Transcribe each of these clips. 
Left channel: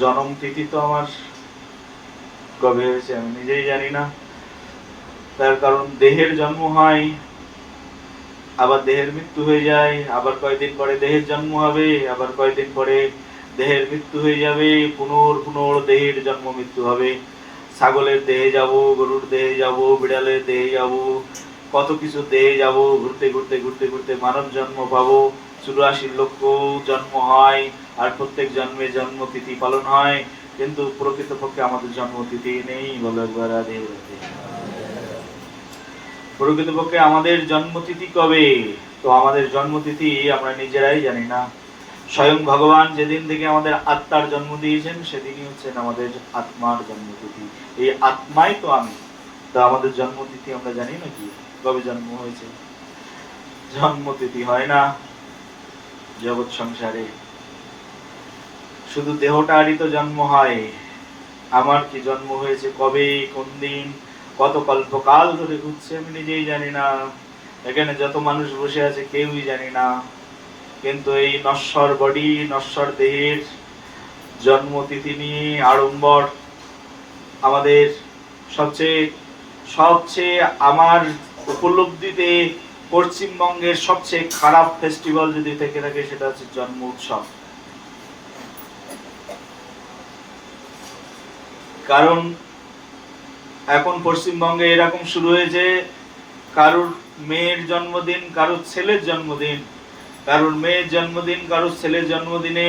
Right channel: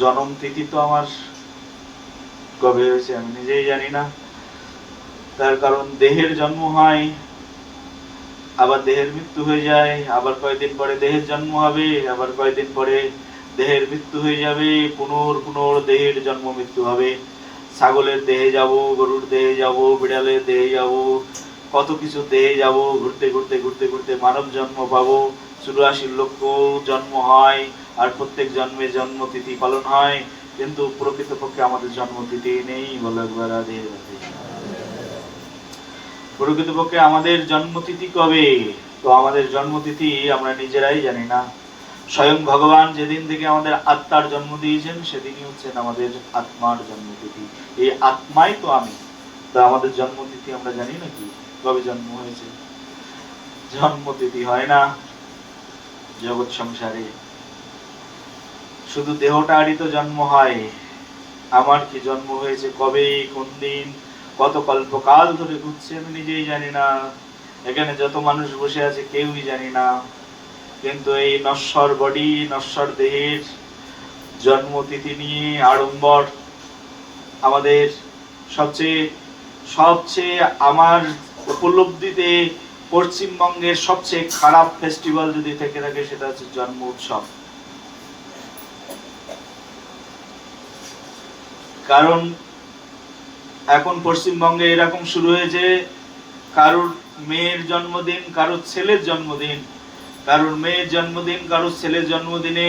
জন্ম তিথি তো আমার কবে হয়েছে আমি নিজেই জানি না। তার কারণ দেহের জন্ম হয়, আবার দেহের মৃত্যু হয়ে যায়, আবার কয়েকদিন পরে দেহের জন্ম হবে, আবার কয়েকদিন পরে দেহের মৃত্যু হয়ে যাবে, পুনর দেহের জন্ম মৃত্যু হবে। ছাগলের দেহে যাব, গরুর দেহে যাব, বিড়ালের দেহে যাব, কত কিছু দেহে যাব, ঘুরতে ঘুরতে ঘুরতে ঘুরতে মানব জন্ম পাবো। 84 লক্ষ জন্ম হয়, আর প্রত্যেক জন্মে জন্মতিথি পালন হয়, কিন্তু প্রকৃতপক্ষে আমাদের জন্মতিথি নেই। বলে একবার রাধে রাধে। প্রকৃতপক্ষে আমাদের জন্মতিথি কবে? তো আমাদের জন্মতিথি আমরা নিজেরাই জানি না। স্বয়ং ভগবান যেদিন থেকে আমাদের আত্মার জন্ম দিয়েছেন সেদিনই হচ্ছেন আমাদের আত্মার জন্মতিথি। এই আত্মাই তো আমি। তো আমাদের জন্মতিথি আমরা জানি নাকি কবে জন্ম হয়েছে? জন্মতিথি হয় না জগৎ সংসারে, শুধু দেহটারই তো জন্ম হয়। আমার কি জন্ম হয়েছে কবে, কোন দিন, কত কল্পকাল ধরে ঘুরছে আমি নিজেই জানি না। এখানে যত মানুষ বসে আছে কেউই জানি না। কিন্তু এই নশ্বর বডি, নশ্বর দেহের জন্মতিথি নিয়ে আড়ম্বর আমাদের সবচেয়ে সবচেয়ে আমার উপলব্ধিতে পশ্চিমবঙ্গের সবচেয়ে খারাপ ফেস্টিভ্যাল যদি থেকে থাকে সেটা হচ্ছে জন্ম উৎসব। কারণ এখন পশ্চিমবঙ্গে এরকম শুরু হয়েছে, কারোর মেয়ের জন্মদিন, কারোর ছেলের জন্মদিন, কারোর মেয়ের জন্মদিন, কারোর ছেলের জন্মদিনে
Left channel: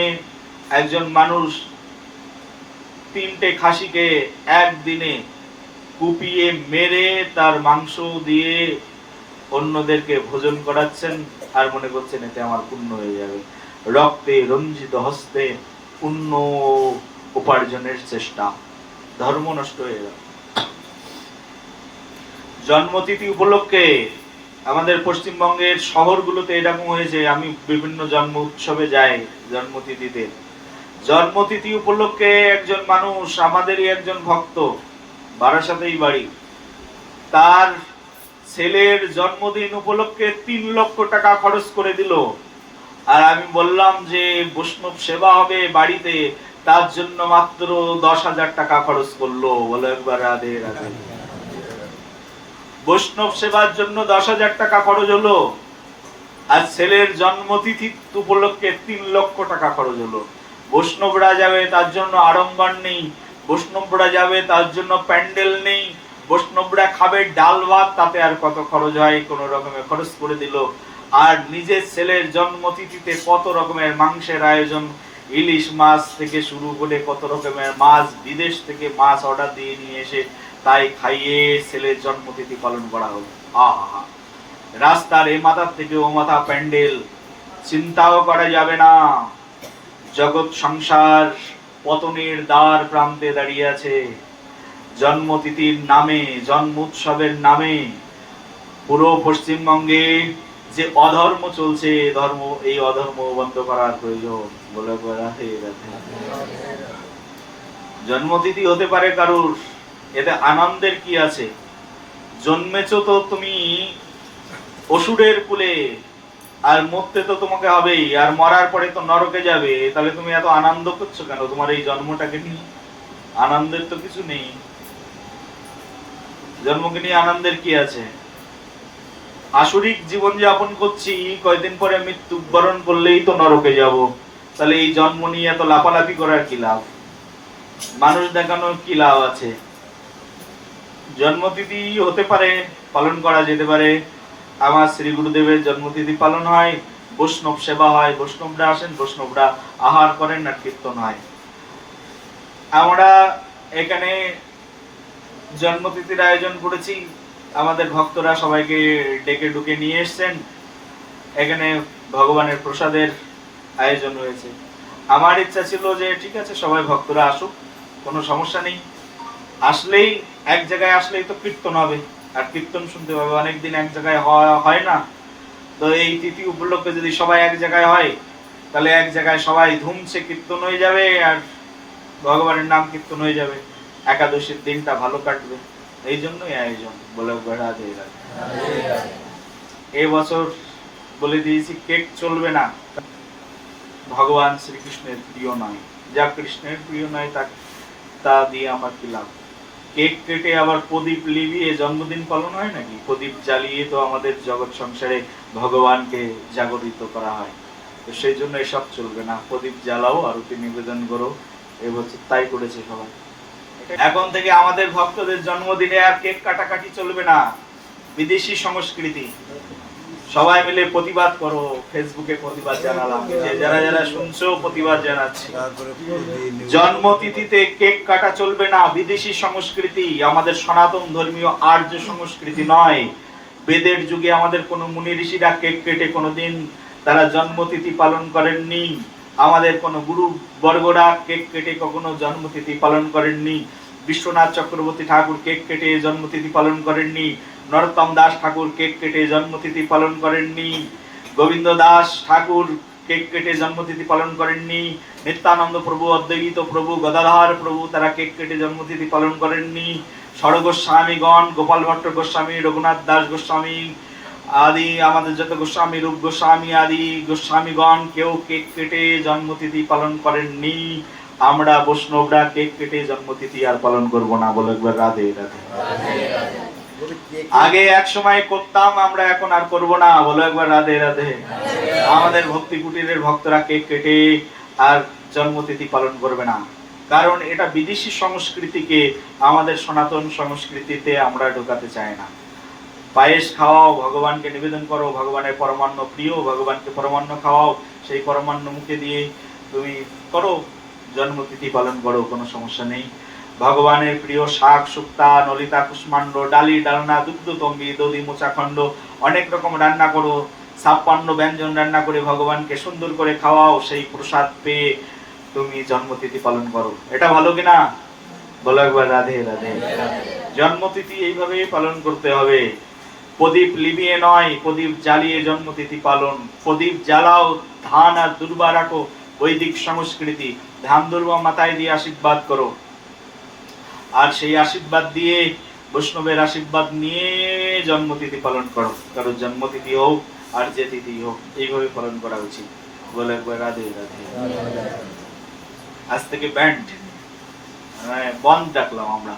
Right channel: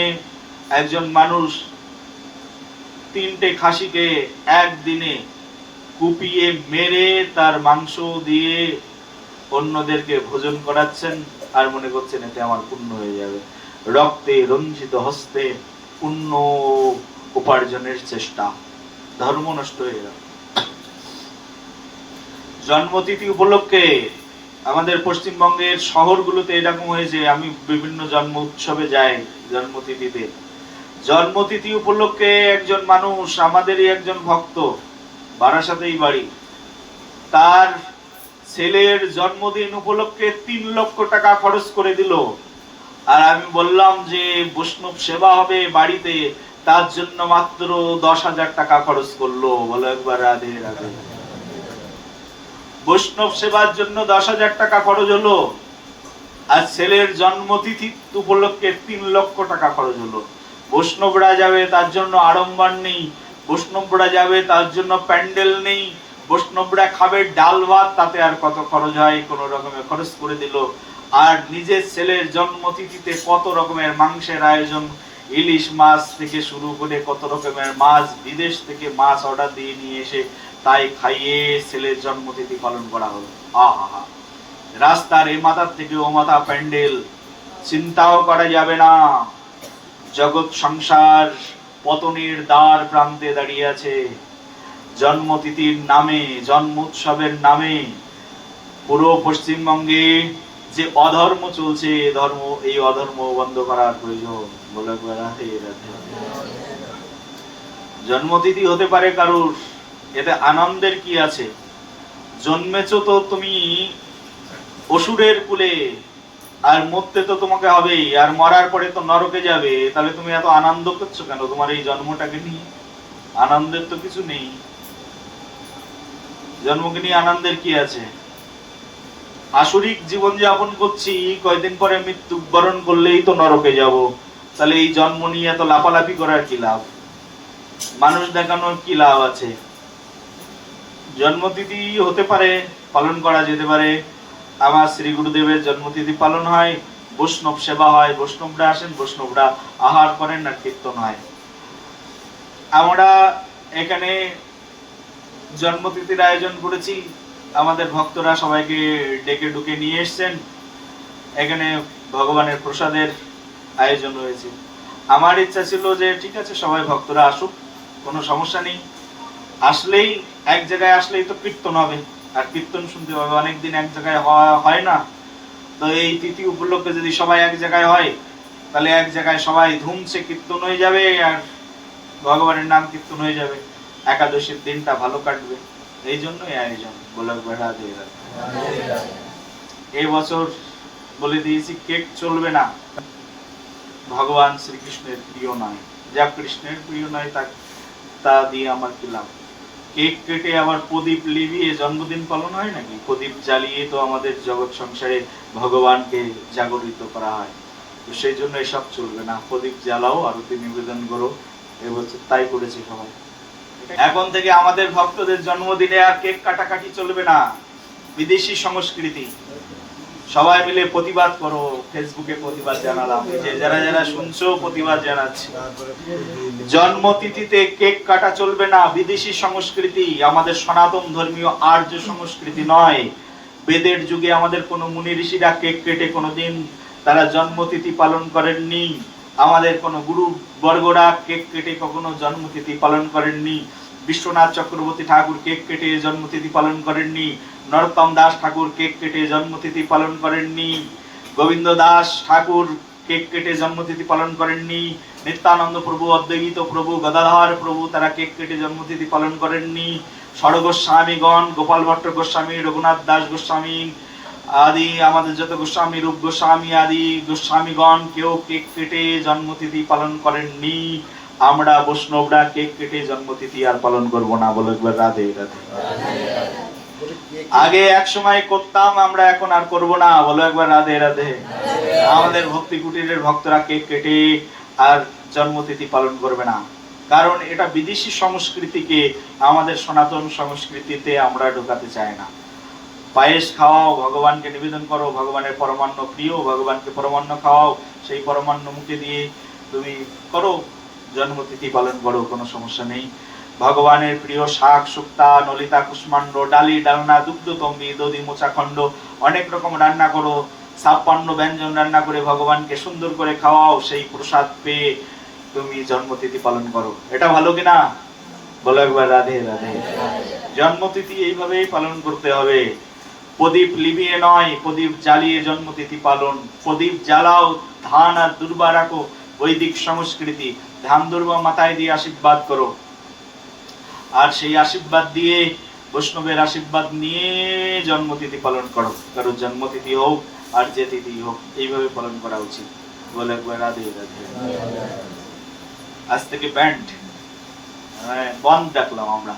একজন মানুষ 3টে খাসিকে একদিনে কুপিয়ে মেরে তার মাংস দিয়ে অন্যদেরকে ভোজন করাচ্ছেন, আর মনে করছেন এতে আমার পুণ্য হয়ে যাবে। রক্তে রঞ্জিত হস্তে পুণ্য উপার্জনের চেষ্টা, ধর্ম নষ্ট হয়ে গেল। জন্মতিথি উপলক্ষে আমাদের পশ্চিমবঙ্গের শহরগুলোতে এরকম হয়েছে, আমি বিভিন্ন জন্ম উৎসবে যাই জন্মতিথিতে। জন্মতিথি উপলক্ষে একজন মানুষ, আমাদেরই একজন ভক্ত, বারাসাতেই বাড়ি, তার ছেলের জন্মদিন উপলক্ষে 3 লক্ষ টাকা খরচ করে দিল। আর আমি বললাম যে বৈষ্ণব সেবা হবে বাড়িতে, তার জন্য মাত্র 10,000 টাকা খরচ করলো। বলো একবার রাধে রাধে। বৈষ্ণব সেবার জন্য 10,000 টাকা খরচ হলো, আর ছেলের জন্মতিথি উপলক্ষে 3 লক্ষ টাকা খরচ হলো। বৈষ্ণবরা যাবে তার জন্য আড়ম্বর নেই, বৈষ্ণবরা যাবে তার জন্য প্যান্ডেল নেই, বৈষ্ণবরা খাবে ডাল ভাত, তাতে আর কত খরচ হয়, কোন রকমে খরচ করে দিল। আর নিজের ছেলের জন্মতিথিতে কত রকমের মাংসের আয়োজন, ইলিশ মাছ থেকে শুরু করে কত রকমের মাছ, বিদেশ থেকে মাছ অর্ডার দিয়ে নিয়ে এসে তাই খাইয়ে ছেলের জন্মতিথি পালন করা হলো। আহা, রাস্তার এ মাথার থেকে ও মাথা প্যান্ডেল, চিন্তাও করা যাবে না। জগৎ সংসার পতনের দ্বার প্রান্তে দাঁড়িয়ে আছে। জন্মতিথির নামে, জন্ম উৎসবের নামে পুরো পশ্চিমবঙ্গে যে অধর্ম চলছে, ধর্ম, এই অধর্ম বন্ধ করার প্রয়োজন। বলে জন্মতিথি হতে পারে কারুর, এতে আনন্দের কি আছে? জন্মেছো তো তুমি অসুরের কুলে, আর মরতে তো তোমাকে হবেই, আর মরার পরে তো নরকে যাবে। তাহলে তুমি এত আনন্দ করছো কেন তোমার এই জন্মটাকে নিয়ে? আনন্দের তো কিছু নেই। জন্মকে নিয়ে আনন্দের কি আছে? আসরিক জীবন যাপন করছি, কয়দিন পরে মৃত্যুবরণ করলেই তো নরকে যাব। তাহলে এই জন্ম নিয়ে এত লাফালাফি করার কি লাভ? মানুষ দেখানোর কি লাভ আছে? জন্মতিথি হতে পারে, পালন করা যেতে পারে। আমার শ্রী গুরুদেবের জন্মতিথি পালন হয়, বৈষ্ণব সেবা হয়, বৈষ্ণবরা আসেন, বৈষ্ণবরা আহার করেন, আর কীর্তন হয়। আমরা এখানে জন্মতিথির আয়োজন করেছি, আমাদের ভক্তরা সবাইকে ডেকে ডুকে নিয়ে এসছেন। এখানে ভগবানের প্রসাদের আয়োজন হয়েছে। আমার ইচ্ছা ছিল যে ঠিক আছে সবাই ভক্তরা আসুক, কোনো সমস্যা নেই। আসলেই এক জায়গায় আসলেই তো কীর্তন হবে, আর কীর্তন শুনতে পাবে। অনেকদিন এক জায়গায় হয় না, তো এই তিথি উপলক্ষে যদি সবাই এক জায়গায় হয়, তাহলে এক জায়গায় সবাই ধুমসে কীর্তন হয়ে যাবে, আর ভগবানের নাম কীর্তন হয়ে যাবে। একাদশীর দিনটা ভালো কাটবে, এই জন্যই আয়োজন। বলে বেড়া দিয়ে এই বছর বলে দিয়েছি কেক চলবে না, ভগবান শ্রীকৃষ্ণের প্রিয় নয়। যা কৃষ্ণের প্রিয় নয় তা দিয়ে আমার কি লাভ? কেক কেটে আবার প্রদীপ লিভিয়ে জন্মদিন পালন হয় নাকি? প্রদীপ জ্বালিয়ে তো আমাদের জগৎ সংসারে ভগবানকে জাগরিত করা হয়। তো সেই জন্য এসব চলবে না। প্রদীপ জ্বালাও, আরতি নিবেদন করো, এবছর তাই করেছে সবাই। এখন থেকে আমাদের ভক্তদের জন্মদিনে আর কেক কাটাকাটি চলবে না। বিদেশি সংস্কৃতি। সবাই মিলে প্রতিবাদ করো। ফেসবুকে প্রতিবাদ জানালাম, যে যারা যারা শুনছো প্রতিবাদ জানাচ্ছি। জন্মতিথিতে কেক কাটা চলবে না। বিদেশি সংস্কৃতি, আমাদের সনাতন ধর্মীয় আর্য সংস্কৃতি নয়। বেদের যুগে আমাদের কোন মুনি ঋষিরা কেক কেটে কোনোদিন তারা জন্মতিথি পালন করেননি। আমাদের কোন গুরু বর্গরা কেক কেটে কখনো জন্মতিথি পালন করেননি। বিশ্বনাথ চক্রবর্তী ঠাকুর কেক কেটে জন্মতিথি পালন করেননি। নরোত্তম দাস ঠাকুর কেক কেটে জন্মতিথি পালন করেননি। গোবিন্দ দাস ঠাকুর কেক কেটে জন্মতিথি পালন করেননি। নিত্যানন্দ প্রভু, অদ্বৈত প্রভু, গদাধর প্রভু তারা কেক কেটে জন্মতিথি পালন করেননি। ষড় গোস্বামীগণ, গোপাল ভট্ট গোস্বামী, রঘুনাথ দাস গোস্বামী আদি আমাদের যত গোস্বামী, রূপ গোস্বামী আদি গোস্বামীগণ কেউ কেক কেটে জন্মতিথি পালন করেননি। আমরা বৈষ্ণবরা কেক কেটে জন্মতিথি আর পালন করব না। বলে একবার রাধে রাধে। আগে এক সময় করতাম, আমরা এখন আর করব না। বলো একবার রাধে রাধে। আমাদের ভক্তি কুটিরের ভক্তরা কেক কেটে আর জন্মতিথি পালন করবে না, কারণ এটা বিদেশি সংস্কৃতিকে আমাদের সনাতন সংস্কৃতিতে আমরা ঢোকাতে চাই না। পায়েস খাওয়াও, ভগবানকে নিবেদন করো, ভগবানের পরমান্ন প্রিয়, ভগবানকে পরমান্ন খাওয়াও, সেই পরমান্ন মুখে দিয়ে তুমি করো জন্মতিথি পালন করো, কোনো সমস্যা নেই। ভগবানের প্রিয় শাক শুক্তা, নলিতা, কুষ্মাণ্ড, ডালি, ডালনা, দুগ্ধ তম্বি, দধি, মোচাখণ্ড অনেক রকম রান্না করো, 56 ব্যঞ্জন রান্না করে ভগবানকে সুন্দর করে খাওয়াও, সেই প্রসাদ পেয়ে তুমি জন্মতিথি পালন করো। এটা ভালো কিনা? বলো একবার রাধে রাধে। জন্মতিথি এইভাবেই পালন করতে হবে। প্রদীপ লিভিয়ে নয়, প্রদীপ জ্বালিয়ে জন্মতিথি পালন। প্রদীপ জ্বালাও, ধান আর দুর্বা রাখো, বৈদিক সংস্কৃতি। ধান দুর্বা মাথায় দিয়ে আশীর্বাদ করো, আর সেই আশীর্বাদ দিয়ে বৈষ্ণবের আশীর্বাদ নিয়ে জন্মতিথি পালন করো। কারো জন্মতিথি হোক আর যে তিথি হোক, এইভাবে পালন করা উচিত। বলে একবার রাধে রাধে। আজ থেকে ব্যান্ড বন্ধ ডাকলাম আমরা।